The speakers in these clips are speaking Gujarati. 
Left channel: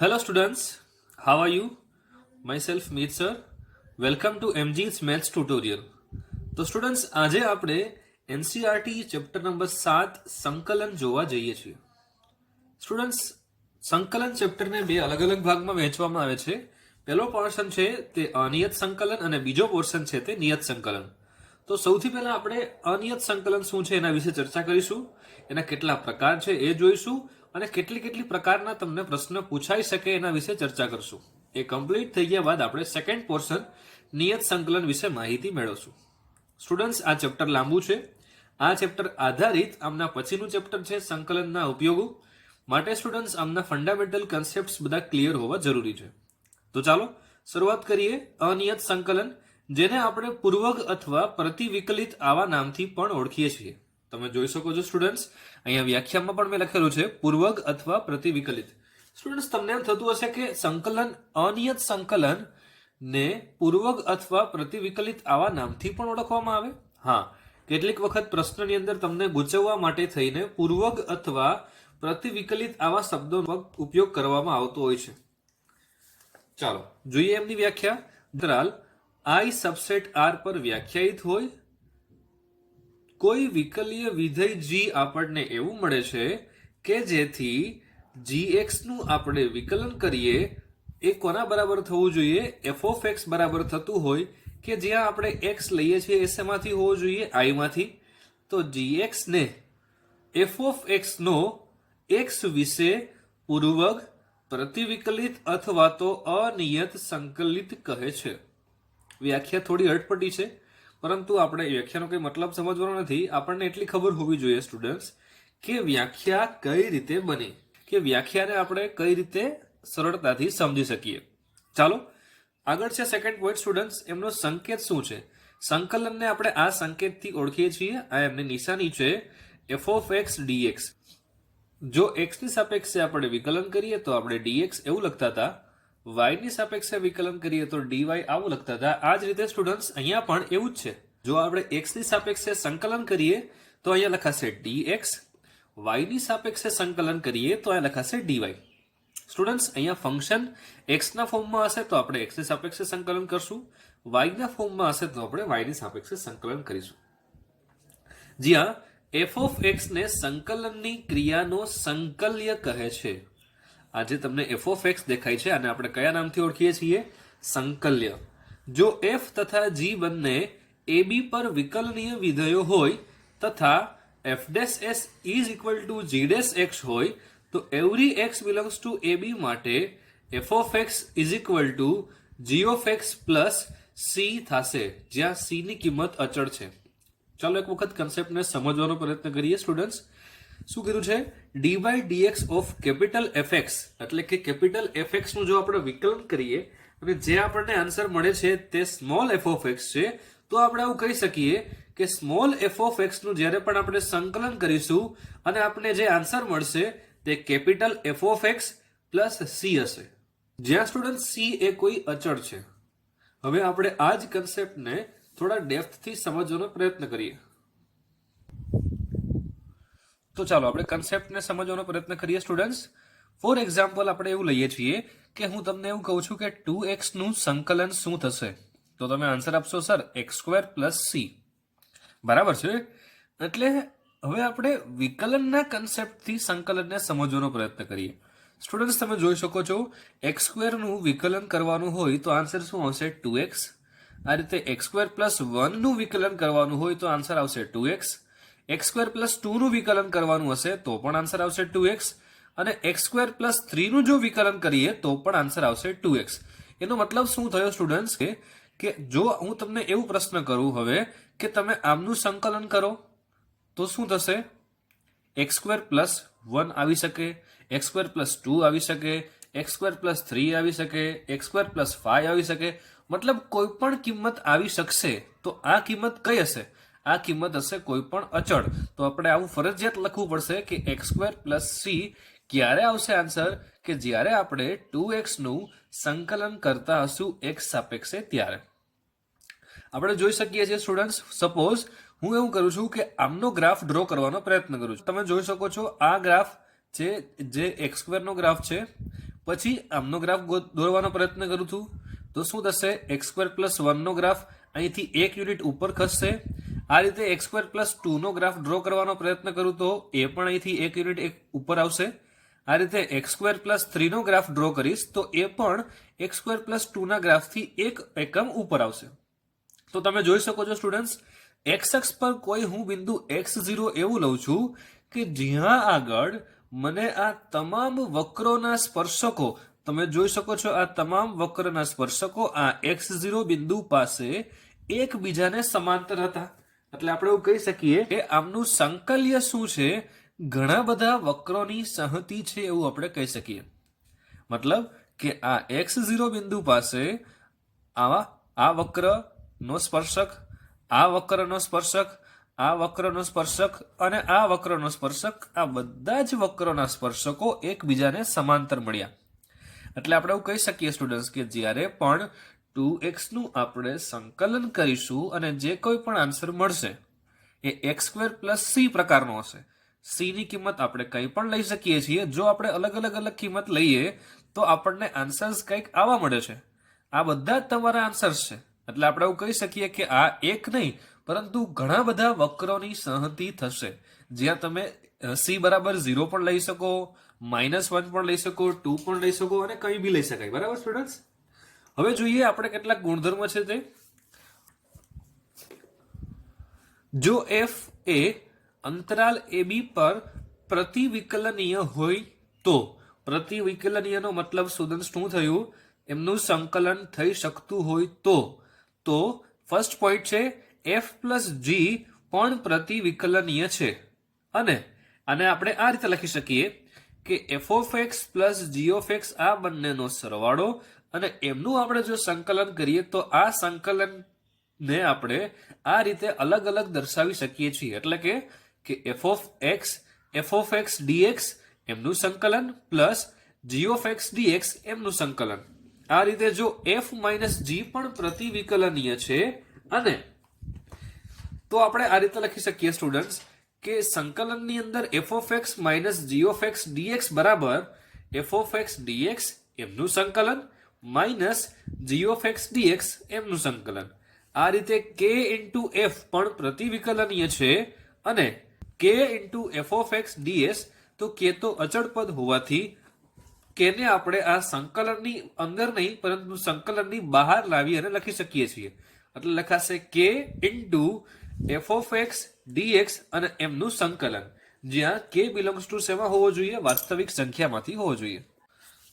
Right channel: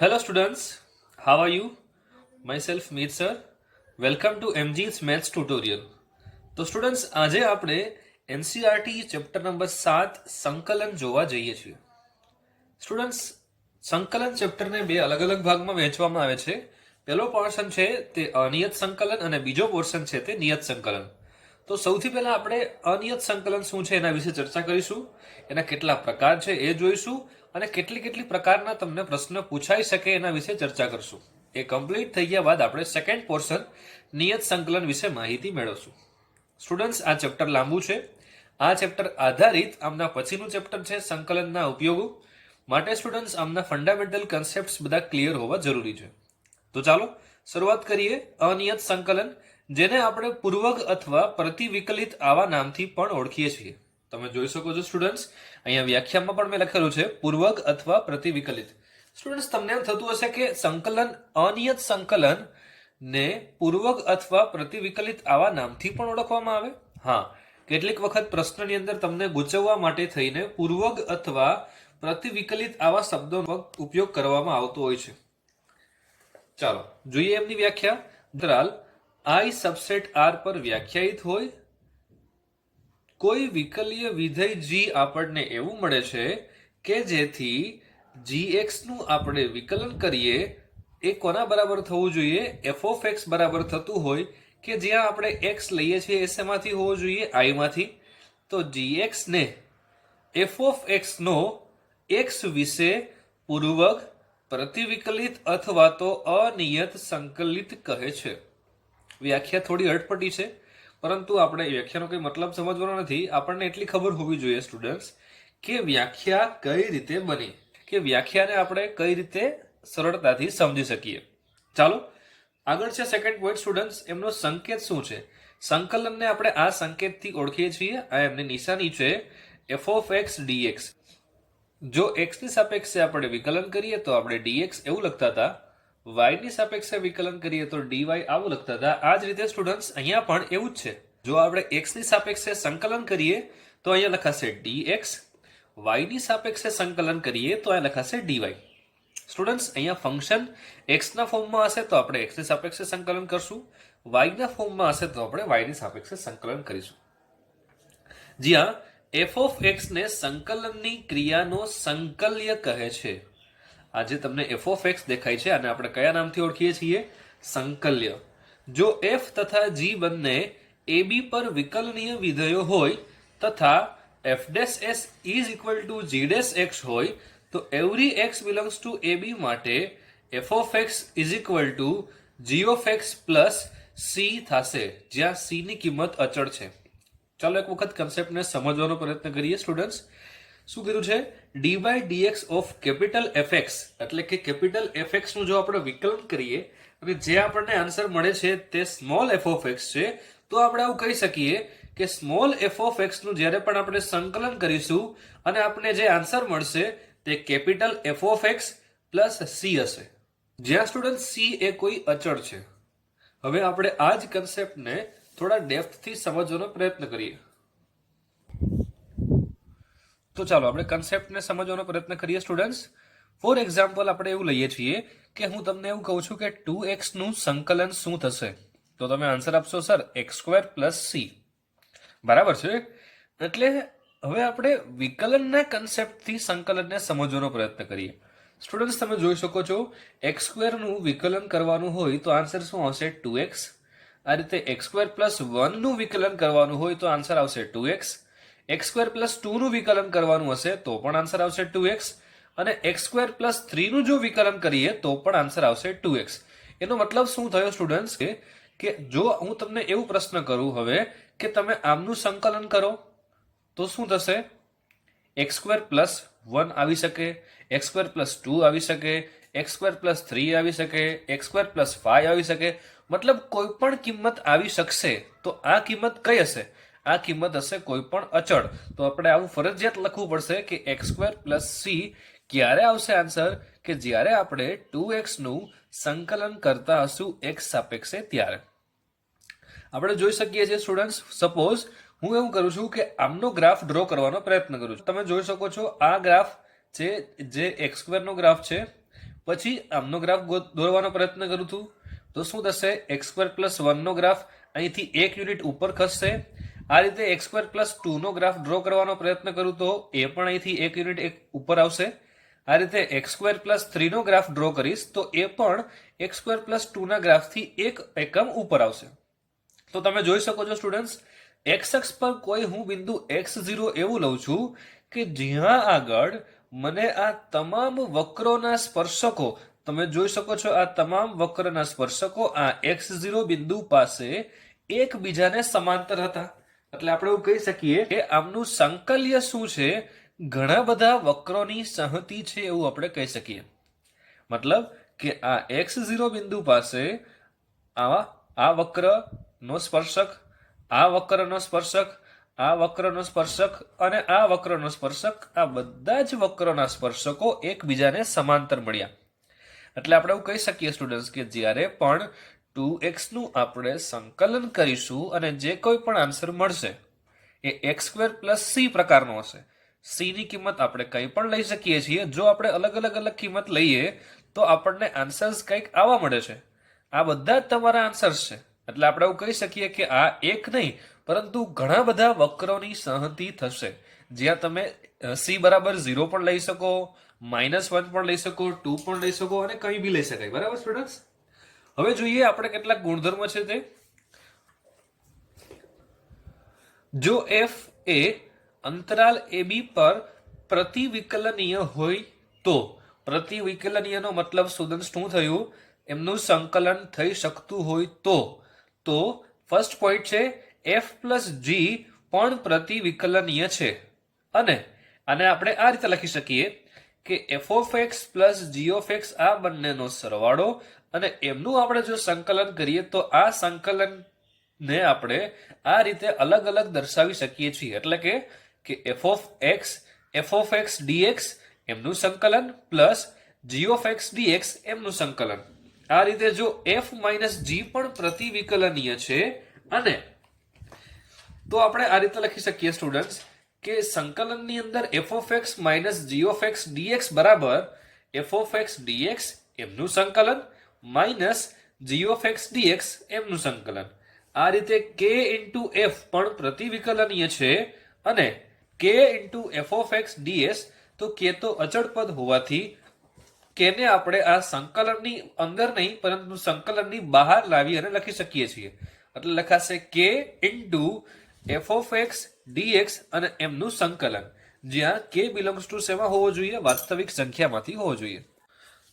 Hello students, how are you? Myself Meet sir. Welcome to MG's Maths tutorial. તો સ્ટુડન્ટ્સ આજે આપણે એનસીઆરટી ચેપ્ટર નંબર 7 સંકલન જોવા જઈએ છીએ. સ્ટુડન્ટ્સ સંકલન ચેપ્ટરને બે અલગ અલગ ભાગમાં વહેંચવામાં આવે છે. પહેલો પોર્શન છે તે અનિયત સંકલન અને બીજો પોર્શન છે તે નિયત સંકલન. તો સૌથી પહેલા આપણે અનિયત સંકલન શું છે એના વિશે ચર્ચા કરીશું. એના કેટલા પ્રકાર છે એ જોઈશું અને કેટલી પ્રકારના તમને પ્રશ્ન પૂછાઈ શકે એના વિશે ચર્ચા કરશું. એ કમ્પ્લીટ થઈ ગયા બાદ આપણે સેકન્ડ પોર્શન નિયત સંકલન વિશે માહિતી મેળવશું. સ્ટુડન્ટ્સ આ ચેપ્ટર લાંબુ છે. આ ચેપ્ટર આધારિત આમના પછીનું ચેપ્ટર છે સંકલનના ઉપયોગો. માટે સ્ટુડન્ટ્સ આમના ફંડામેન્ટલ કન્સેપ્ટ્સ બધા ક્લિયર હોવા જરૂરી છે. તો ચાલો શરૂઆત કરીએ અનિયત સંકલન, જેને આપણે પૂર્વક અથવા પ્રતિવિકલિત આવા નામથી પણ ઓળખીએ છીએ. તમે જોઈ શકો છો સ્ટુડન્ટ્સ, અહીંયા વ્યાખ્યામાં પણ મેં લખેલું છે પૂર્વક અથવા પ્રતિવિકલિત. સ્ટુડન્ટ્સ તમને એમ થતું હશે કે સંકલન અનિયત સંકલન ને પૂર્વક અથવા પ્રતિવિકલિત આવા નામથી પણ ઓળખવામાં આવે. હા, કેટલીક વખત પ્રશ્નની અંદર તમને ગૂંચવવા માટે થઈને પૂર્વક અથવા પ્રતિવિકલિત આવા શબ્દોનો ઉપયોગ કરવામાં આવતો હોય છે. ચાલો જોઈએ એમની વ્યાખ્યા. અંતરાલ I સબસેટ R પર વ્યાખ્યાયિત હોય કોઈ વિકલીય વિધેય g આપણને એવું મળે છે કે જેથી gx નું આપણે વિકલન કરીએ એ કોના બરાબર થવું જોઈએ? f of x બરાબર થતું હોય કે જ્યાં આપણે x લઈએ છીએ એ શેમાંથી હોવું જોઈએ? I માંથી. તો gx ને f of x no x વિશે પૂર્વક પ્રતિવિકલિત અથવા તો અનિયત સંકલિત કહે છે. વ્યાખ્યા થોડી અટપટી છે, પરંતુ આપણે વ્યાખ્યાનો કોઈ મતલબ સમજવાનો નથી. આપણને એટલી ખબર હોવી જોઈએ સ્ટુડન્ટ્સ કે વ્યાખ્યા કઈ રીતે બની, કે વ્યાખ્યાને આપણે કઈ રીતે સરળતાથી સમજી શકીએ. ચાલો આગળ છે સેકન્ડ પોઈન્ટ સ્ટુડન્ટ્સ, એમનો સંકેત શું છે? સંકલનને આપણે આ સંકેતથી ઓળખીએ છીએ. આ એમની નિશાની છે f of x dx. જો x ની સાપેક્ષે આપણે વિકલન કરીએ તો આપણે dx એવું લખતા હતા, y ની સાપેક્ષે વિકલન કરીએ તો dy આવું લખતા હતા. આ જ રીતે સ્ટુડન્ટ્સ અહીંયા પણ એવું જ છે. જો આપણે x ની સાપેક્ષે સંકલન કરીએ તો અહીંયા લખાશે dx, y ની સાપેક્ષે સંકલન કરીએ તો અહીંયા લખાશે dy. સ્ટુડન્ટ્સ અહીંયા ફંક્શન x ના ફોર્મમાં હશે તો આપણે x ની સાપેક્ષે સંકલન કરશું, y ના ફોર્મમાં હશે તો આપણે y ની સાપેક્ષે સંકલન કરીશું. જ્યાં f of x ને સંકલનની ક્રિયાનો સંકલ્ય કહે છે. આજે તમને f of x દેખાય છે અને આપણે કયા નામથી ઓળખીએ છીએ? સંકલ્ય. જો f તથા g બંને ab પર વિકલનીય વિધેયો હોય તથા f' s is equal to g' x હોય તો every x belongs to ab માટે f of x is equal to g of x plus c થશે, જ્યાં c ની કિંમત અચળ છે. ચાલો એક વખત કન્સેપ્ટને સમજવાનો પ્રયત્ન કરીએ સ્ટુડન્ટ્સ. શું કીધું છે? dy dx of capital fx, એટલે કે કેપિટલ fx નું જો આપણે વિકલન કરીએ અને જે આપણને આન્સર મળે છે તે સ્મોલ f of x છે, તો આપણે આવું કહી શકીએ કે સ્મોલ f of x નું જ્યારે પણ આપણે સંકલન કરીશું અને આપણને જે આન્સર મળશે તે capital f of x plus c હશે, જ્યાં સ્ટુડન્ટ c એ કોઈ અચળ છે. હવે આપણે આ જ કન્સેપ્ટને થોડા ડેપ્થથી સમજવાનો પ્રયત્ન કરીએ. તો ચાલો આપણે કન્સેપ્ટને સમજવાનો પ્રયત્ન કરીએ સ્ટુડન્ટ્સ. ફોર એક્ઝામ્પલ આપણે એવું લઈએ છીએ કે હું તમને એવું કહું છું કે 2x નું સંકલન શું થશે, તો તમે આન્સર આપશો સર x² + c. બરાબર છે. એટલે હવે આપણે વિકલનના કન્સેપ્ટથી સંકલનને સમજવાનો પ્રયત્ન કરીએ. સ્ટુડન્ટ્સ તમે જોઈ શકો છો x² નું વિકલન કરવાનું હોય તો આન્સર શું આવશે? 2x. આ રીતે x² + 1 નું વિકલન કરવાનું હોય તો આન્સર આવશે 2x. x² + 2 નું વિકલન કરવાનું હશે તો પણ આન્સર આવશે 2x, અને x² + 3 નું જો વિકલન કરીએ તો પણ આન્સર આવશે 2x. એનો મતલબ શું થયો સ્ટુડન્ટ્સ કે જો હું તમને એવું પ્રશ્ન કરું હવે કે તમે આમનું સંકલન કરો તો શું થશે? x² + 1 આવી શકે, x² + 2 આવી શકે, x² + 3 આવી શકે, x² + 5 આવી શકે. મતલબ કોઈ પણ કિંમત આવી શકશે. તો આ કિંમત કઈ હશે? આ કિંમત હશે કોઈ પણ અચળ. તો આપણે આવું ફરજિયાત લખવું પડશે કે x² + c ક્યારે આવશે આન્સર? કે જ્યારે આપણે 2x નું સંકલન કરતા હશું x સાપેક્ષે ત્યારે. આપણે જોઈ શકીએ છીએ સ્ટુડન્ટ્સ, સપોઝ હું એવું કરું છું કે આમનો ગ્રાફ ડ્રો કરવાનો પ્રયત્ન કરું છું. તમે જોઈ શકો છો આ ગ્રાફ છે જે x² નો ગ્રાફ છે. પછી આમનો ગ્રાફ દોરવાનો પ્રયત્ન કરું છું તો શું થશે, x² + 1 નો ગ્રાફ અહીંથી 1 યુનિટ ઉપર ખસશે. આ રીતે x² + 2 નો ગ્રાફ ડ્રો કરવાનો પ્રયત્ન કરું તો એ પણ અહીંથી 1 યુનિટ ઉપર આવશે. આ રીતે x² + 3 નો ગ્રાફ ડ્રો કરીશ તો એ પણ x² + 2 ના ગ્રાફથી 1 એકમ ઉપર આવશે. તો તમે જોઈ શકો છો સ્ટુડન્ટ્સ, x અક્ષ પર કોઈ હું બિંદુ x0 એવું લઉં છું કે જ્યાં આગળ મને આ તમામ વક્રોના સ્પર્શકો, તમે જોઈ શકો છો આ તમામ વક્રના સ્પર્શકો આ x0 બિંદુ પાસે એકબીજાને સમાંતર હતા. એટલે આપણે એવું કહી શકીએ કે આમનું સંકલ્ય શું છે, ઘણા બધા વક્રોની સંહતિ છે એવું આપણે કહી શકીએ. મતલબ કે આ x0 બિંદુ પાસે આ વક્રનો સ્પર્શક, આ વક્રનો સ્પર્શક, આ વક્રનો સ્પર્શક અને આ વક્રનો સ્પર્શક, આ બધા જ વક્રોના સ્પર્શકો એકબીજાને સમાંતર મળ્યા. એટલે આપણે એવું કહી શકીએ સ્ટુડન્ટ્સ કે જ્યારે પણ 2x નું આપણે સંકલન કરીશું અને જે કોઈ પણ આન્સર મળશે એ x² + c પ્રકારનો હશે. c ની કિંમત આપણે કંઈ પણ લઈ શકીએ છીએ. જો આપણે અલગ અલગ કિંમત લઈએ તો આપણને આન્સર્સ કંઈક આવા મળે છે. આ બધા જ તમારા આન્સર્સ છે. એટલે આપણે એવું કહી શકીએ કે આ એક નહીં પરંતુ ઘણા બધા વક્રોની સંહતિ થશે, જ્યાં તમે c = 0 પણ લઈ શકો, -1 પણ લઈ શકો, 2 પણ લઈ શકો અને કંઈ બી લઈ શકાય. બરાબર સ્ટુડન્ટ્સ? હવે જોઈએ આપણે કેટલાક ગુણધર્મ છે તે. જો f એ અંતરાલ ab પર પ્રતિવિકલનીય હોય તો, પ્રતિવિકલનીયનો મતલબ સ્ટુડન્ટ્સ શું થયું, એમનું સંકલન થઈ શકતું હોય તો ફર્સ્ટ પોઈન્ટ છે f + g પણ પ્રતિવિકલનીય છે. અને આને આપણે આ રીતે લખી શકીએ કે f(x + g) આ બંનેનો સરવાળો અને એમનું આપણે જો સંકલન કરીએ તો આ સંકલનને આપણે આ રીતે અલગ અલગ દર્શાવી શકીએ છીએ. એટલે કે f(x dx) એમનું સંકલન પ્લસ g(x dx) એમનું સંકલન. આ રીતે જો f - g પણ પ્રતિવિકલનીય છે અને તો આપણે આ રીતે લખી શકીએ સ્ટુડન્ટ્સ કે સંકલનની અંદર f(x - g) dx બરાબર f(x dx) એમનું સંકલન માઇનસ g(x dx) એમનું સંકલન. આ રીતે k × f પણ પ્રતિવિકલનીય છે અને k × f(x ds), તો k તો અચળ પદ હોવાથી k ને આપણે આ સંકલનની અંદર નહીં પરંતુ સંકલનની બહાર લાવી અને લખી શકીએ છીએ. એટલે લખાશે k × f(x dx) અને એમનું સંકલન, જ્યાં k બિલોંગ્સ ટુ શેમાં હોવો જોઈએ, વાસ્તવિક સંખ્યામાંથી હોવો જોઈએ.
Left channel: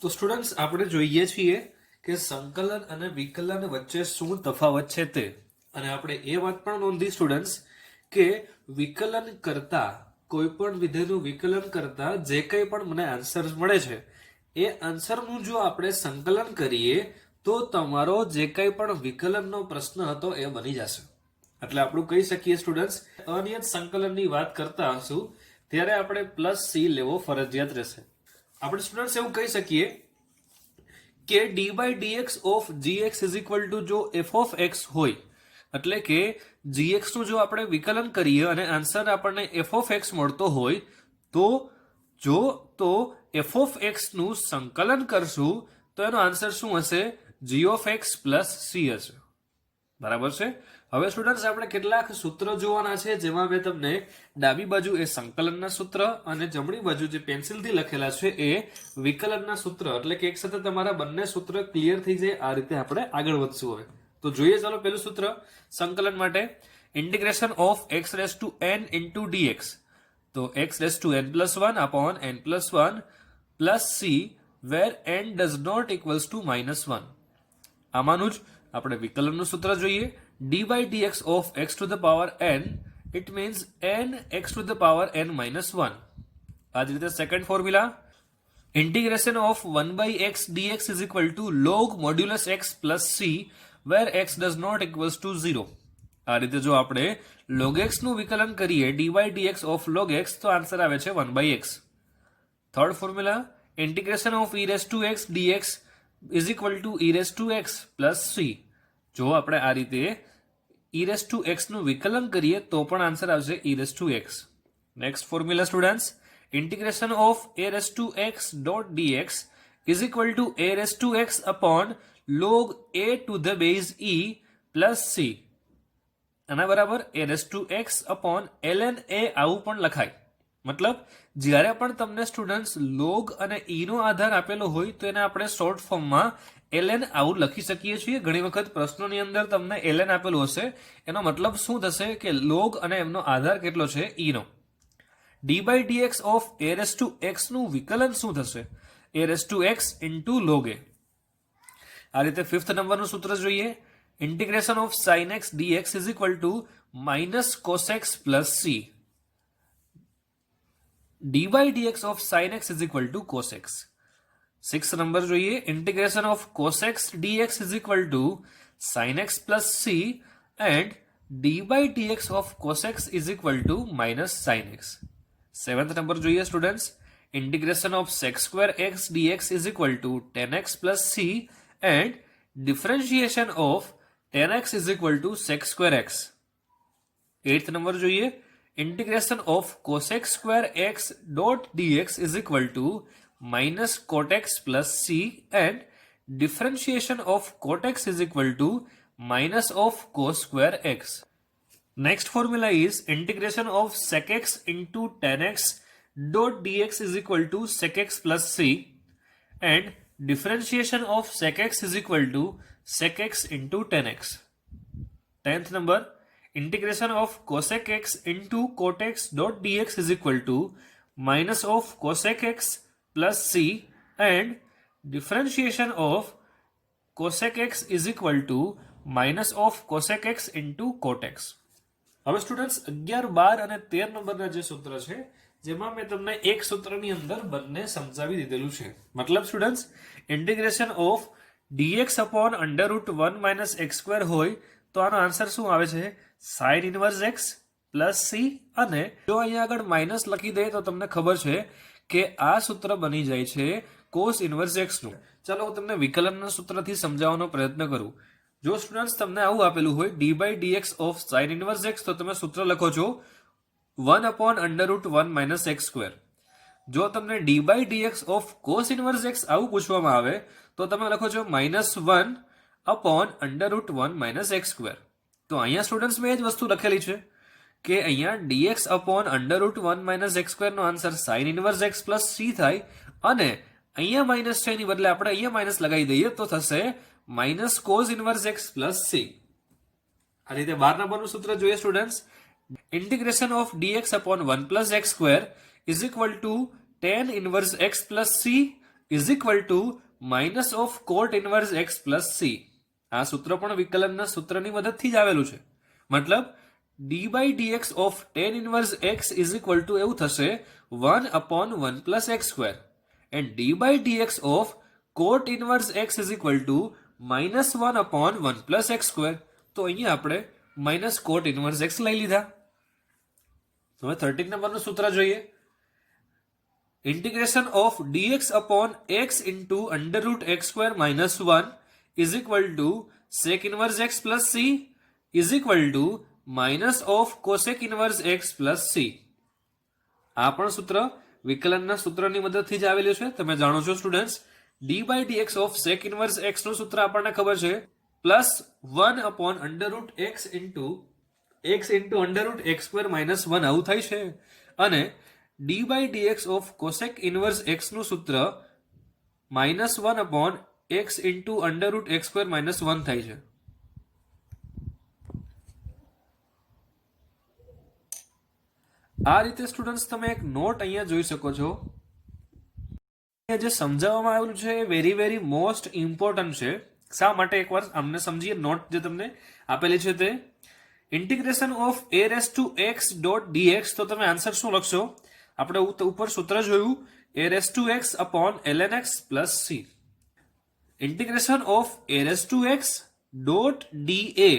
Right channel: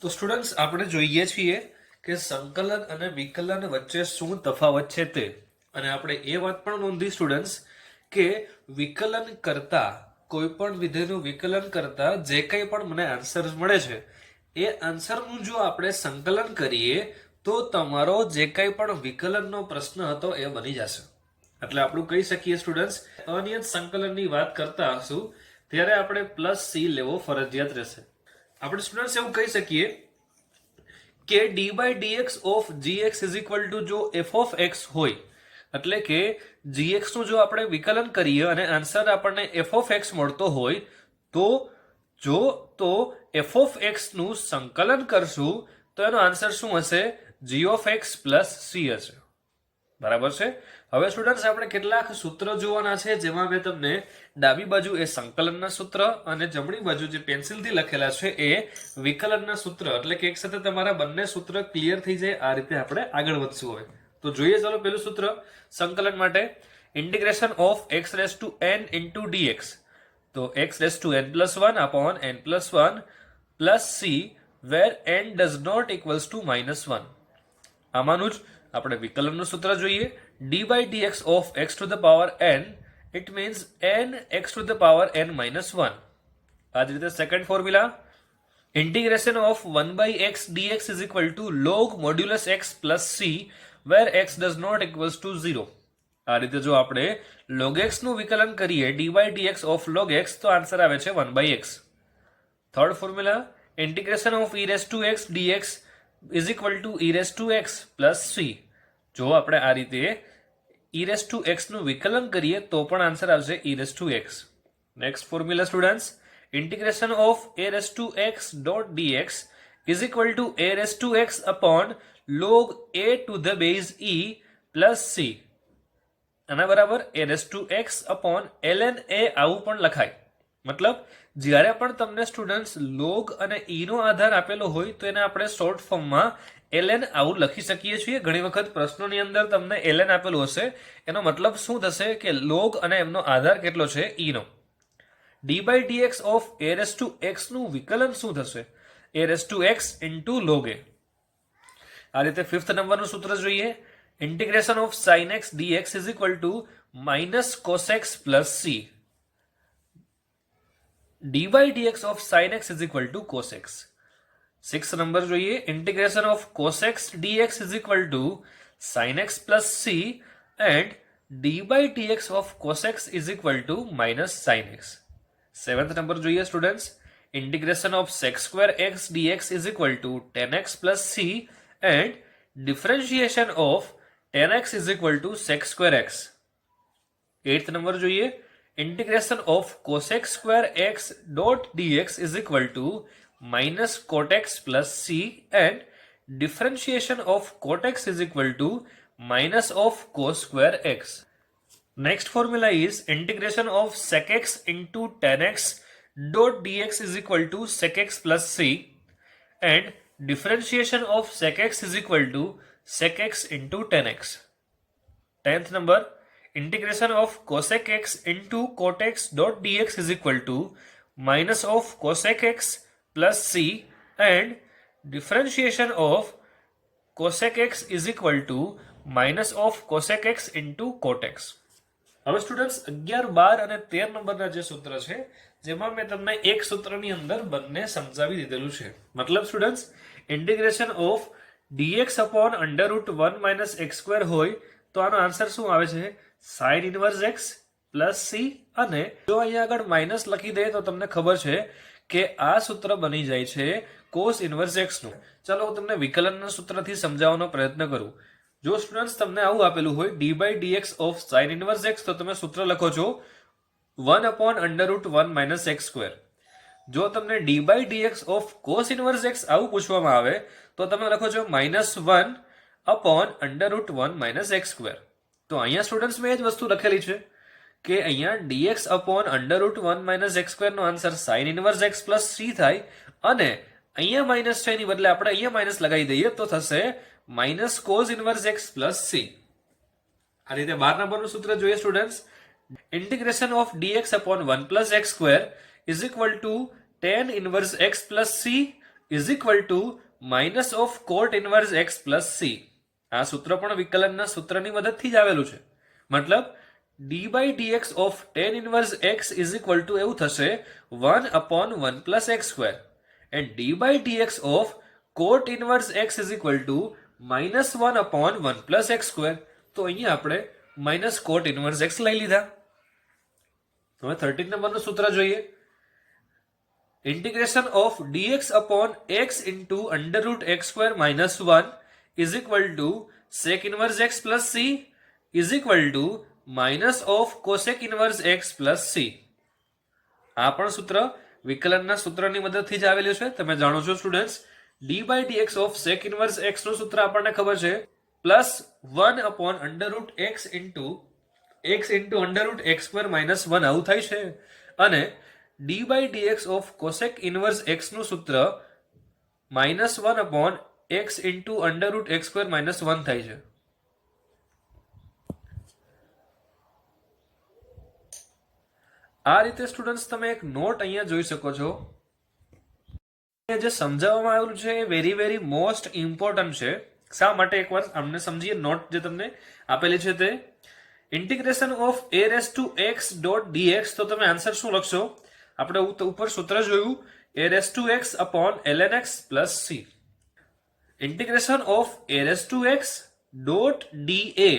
તો સ્ટુડન્ટ્સ આપણે જોઈએ છીએ કે સંકલન અને વિકલન વચ્ચે શું તફાવત છે તે. અને આપણે એ વાત પણ નોંધી સ્ટુડન્ટ્સ કે વિકલન કરતા, કોઈ પણ વિધેયનું વિકલન કરતા જે કંઈ પણ મને આન્સર મળે છે એ આન્સરનું જો આપણે સંકલન કરીએ તો તમારો જે કંઈ પણ વિકલનનો પ્રશ્ન હતો એ બની જશે. એટલે આપણે કહી શકીએ સ્ટુડન્ટ્સ, અનિયત સંકલનની વાત કરતા હશું ત્યારે આપણે +c લેવો ફરજિયાત રહેશે. આપણે સ્ટુડન્ટ્સ એવું કહી શકીએ કે d/dx of gx = જો f(x) હોય, એટલે કે gx નું જો આપણે વિકલન કરીએ અને આન્સર આપણને f(x) મળતો હોય તો f(x) નું સંકલન કરશું તો એનો આન્સર શું હશે, g(x + c) હશે. બરાબર છે? હવે સ્ટુડન્ટ્સ આપણે કેટલાક સૂત્ર જોવાના છે, જેમાં મેં તમને ડાબી બાજુ એ સંકલનના સૂત્ર અને જમણી બાજુ જે પેન્સિલથી લખેલા છે એ વિકલનના સૂત્ર, એટલે કે એક સાથે તમારા બંને સૂત્ર ક્લિયર થઈ જાય. આ રીતે આપણે આગળ વધશું. હવે તો જોઈએ, ચાલો પહેલું સૂત્ર સંકલન માટે, ઇન્ટિગ્રેશન ઓફ x⁻n × dx. તો x⁻n+1/n+1 + c where n does not equals to -1. આમાંનું જ આપણે વિકલનનું સૂત્ર જોઈએ. d/dx of x⁻n, it means n x⁻n -1. આ જ રીતે second formula, integration of 1/x dx = log modulus x + c where x does not equals to 0. આ રીતે જો આપણે log x નું વિકલન કરીએ d/dx of log x તો આન્સર આવે છે 1/x. Third formula, integration of e⁻x dx = e⁻x + c. જો આપણે આ રીતે e⁻x નું વિકલન કરીએ તો પણ આન્સર આવશે e⁻x. Next formula students, integration of a⁻x dx is equal two a raise to x upon log a to the base e plus c. આના બરાબર a raise to x upon ln a આવું પણ લખાય. મતલબ જ્યારે પણ તમને સ્ટુડન્ટ્સ લોગ અને ઈ નો આધાર આપેલો હોય તો એને આપણે શોર્ટ ફોર્મમાં ln આવું લખી શકીએ છીએ. ઘણી વખત પ્રશ્નોની અંદર તમને ln આપેલું હશે, એનો મતલબ શું થશે કે લોગ અને એમનો આધાર કેટલો છે ઈ નો. D by dx of a raise to x નું વિકલન શું થશે? a raise to x into log a. આ રીતે ફિફ્થ નંબરનું સૂત્ર જોઈએ. Integration of sin x dx is equal to minus cos x plus c. D by dx of sin x is equal to cos x. Six number જોઈએ. Integration of cos x dx is equal to sin x plus c and d by dx of cos x is equal to minus sin x. Seventh number જોઈએ students. Integration of sec square x dx is equal to tan x plus c and differentiation of tan x is equal to sec square x. Eighth number જોઈએ. Integration of cosec square x dot dx is equal to minus cot x plus c and differentiation of cot x is equal to minus of cos square x. Next formula is integration of sec x into tan x dot dx is equal to sec x plus c and differentiation of sec x is equal to sec x into tan x. 10th number. Integration of cosec x into cot x dot dx is equal to minus of cosec x plus c and differentiation of cosec x is equal to minus of cosec x into cot x. હવે સ્ટુડન્ટ્સ 11, 12 અને 13 નંબરના જે સૂત્ર છે જેમાં મેં તમને એક સૂત્રની અંદર બંને સમજાવી દીધેલું છે. મતલબ students integration of dx upon under root 1 minus x square હોય તો આનો આન્સર શું આવે છે? Sign inverse x plus c. અને જો અહીંયા આગળ માઇનસ લખી દે તો તમને ખબર છે કે આ સૂત્ર બની જાય છે કોસ ઇનવર્સ x નું. ચાલો હું તમને વિકલનના સૂત્રથી સમજાવવાનો પ્રયત્ન કરું. જો સ્ટુડન્ટ્સ તમને આવું આપેલું હોય d by dx of sine inverse x તો તમે સૂત્ર લખો છો 1 upon under root 1 minus x square. જો તમને d by dx of cos inverse x આવું પૂછવામાં આવે તો તમે લખો છો -1 upon under root 1 minus x square. તો અહીંયા સ્ટુડન્ટ્સ મેં એ જ વસ્તુ લખેલી છે કે અહીંયા dx upon under root 1 minus x square નો answer sine inverse x plus c થાય અને અહીંયા માઇનસ છે એની બદલે આપણે અહીંયા માઇનસ લગાવી દઈએ તો થશે minus cos inverse x plus c. આ રીતે 12 નંબરનું સૂત્ર જોઈએ students. Integration of dx upon 1 plus x square is equal to tan inverse x plus c is equal to minus of cot inverse x plus c. આ સૂત્ર પણ વિકલનના સૂત્રની મદદથી જ આવેલું છે. મતલબ d by dx of tan inverse x is equal to એવું થશે 1 upon 1 plus x square and d by dx of cot inverse x is equal to minus 1 upon 1 plus x square. તો અહીંયા આપણે માઇનસ કોટ ઇનવર્સ x લઈ લીધા. હવે 13 નંબરનું સૂત્ર જોઈએ. Integration of dx upon x into under route x square minus 1 is equal to sec inverse x plus c is equal to minus of cosec inverse x plus c. આ પણ સૂત્ર વિકલનના સૂત્રની મદદથી જ આવેલું છે. તમે જાણો છો students d by dx of sec inverse x નું સૂત્ર આપણને ખબર છે plus 1 upon under route x into under route x square minus 1 આવું થાય છે અને d by dx of cosec inverse x નું સૂત્ર minus 1 upon x into under route x square minus 1 થાય છે. આ રીતે સ્ટુડન્ટ્સ તમે એક નોટ અહીંયા જોઈ શકો છો. જે સમજાવવામાં આવેલું છે એ વેરી મોસ્ટ ઇમ્પોર્ટન્ટ છે. શા માટે એકવાર અમને સમજીએ. નોટ જે તમને આપેલી છે તે integration of a raise to x dot dx. તો તમે આન્સર શું લખશો? આપણે ઉપર સૂત્ર જોયું a raise to x upon ln x plus c. Integration of a raise to x dot da.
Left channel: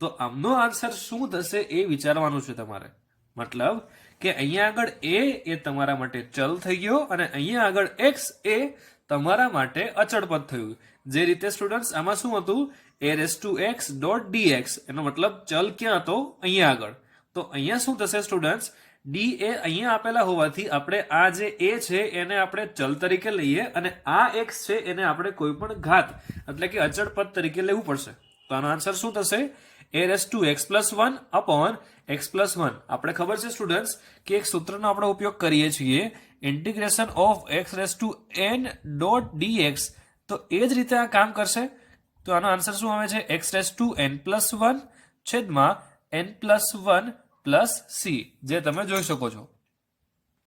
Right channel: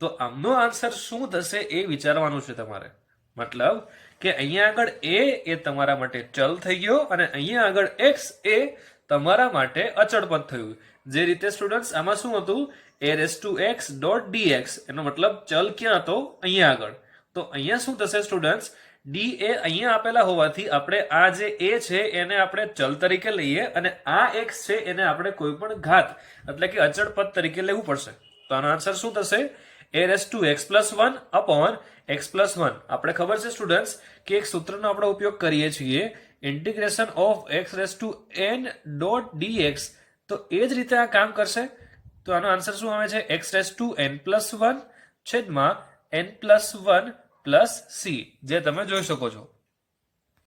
તો આમનો આન્સર શું થશે એ વિચારવાનું છે તમારે. મતલબ કે અહીંયા આગળ a એ તમારા માટે ચલ થઈ ગયો અને અહીંયા આગળ x એ તમારા માટે અચળ પદ થયું. જે રીતે સ્ટુડન્ટ્સ આમાં શું હતું a raise to x dot dx એનો મતલબ ચલ ક્યાં હતો? અહીંયા આગળ. તો અહીંયા શું થશે સ્ટુડન્ટ્સ ડી એ અહીંયા આપેલા હોવાથી આપણે આ જે એ છે એને આપણે ચલ તરીકે લઈએ અને આ એક્સ છે એને આપણે કોઈ પણ ઘાત એટલે કે અચળ પદ તરીકે લેવું પડશે. તો આનો આન્સર શું થશે? a raised to x plus 1 upon x plus 1. આપણે ખબર છે સ્ટુડન્ટ્સ કે એક સૂત્રનો આપણે ઉપયોગ કરીએ છીએ integration of x raised to n dot dx. તો એ જ રીતે આ કામ કરશે. તો આનો આન્સર શું આવે છે? x raised to n plus 1 છેદમાં n plus 1 પ્લસ c, જે તમે જોઈ શકો છો.